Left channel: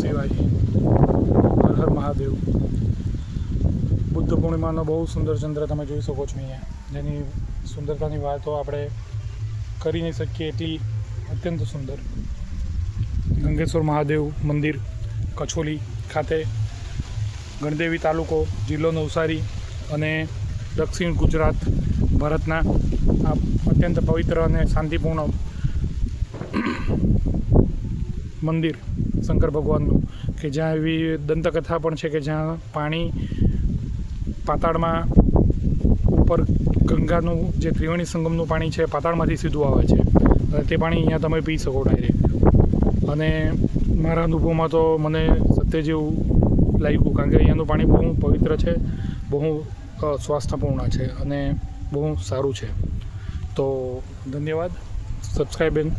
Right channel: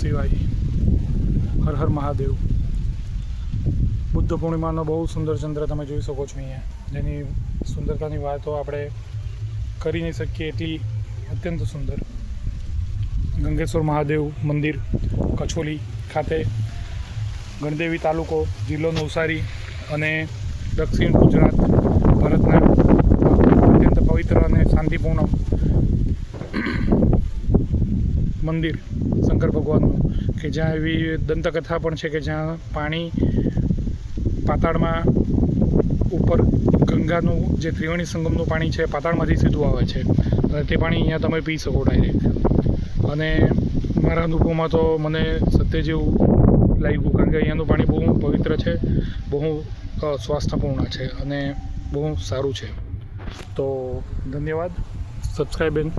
શિવાય, હર હર મહાદેવ। બુદ્ધ પૂર્ણિમાનો બહુ સુંદર ચંદ્ર તમે જોઈ શકો છો અહીંયા, જેની સુંદરતાની વાતો આપણે કરી નહીં શકીએ એટલી અત્યંત સુંદર। ગંગેશ્વર મહાદેવ મંદિર કછોલી ખાતે, ગણદેવી તાલુકો, જિલ્લો નવસારી અને દક્ષિણ ગુજરાત ભારતના અત્યંત પવિત્ર અને શાંતિપૂર્ણ મંદિર શંકર ભગવાનનું, કે જ્યાં એવી દંતકથા પણ છે કે જ્યાં પાણી પાતાળમાં ઉપર ગંગાનું જે ત્રિવેણી સંગમનું પાણી છે પાતાળમાંથી સીધું આવે છે અને તે પાણી અહીંયા તમે પી શકો ડાયરેક્ટ। અને મારા અનુભવમાં તો મને સત્ય જેવું લાગ્યું, કારણ કે અહીંયાનું પાણી બહુ પવિત્ર છે, બહુ સ્વાસ્થ્યપૂર્ણ છે અને બહુ સારું છે। તો ધન્યવાદ, સબસ્ક્રાઈબ એન્ડ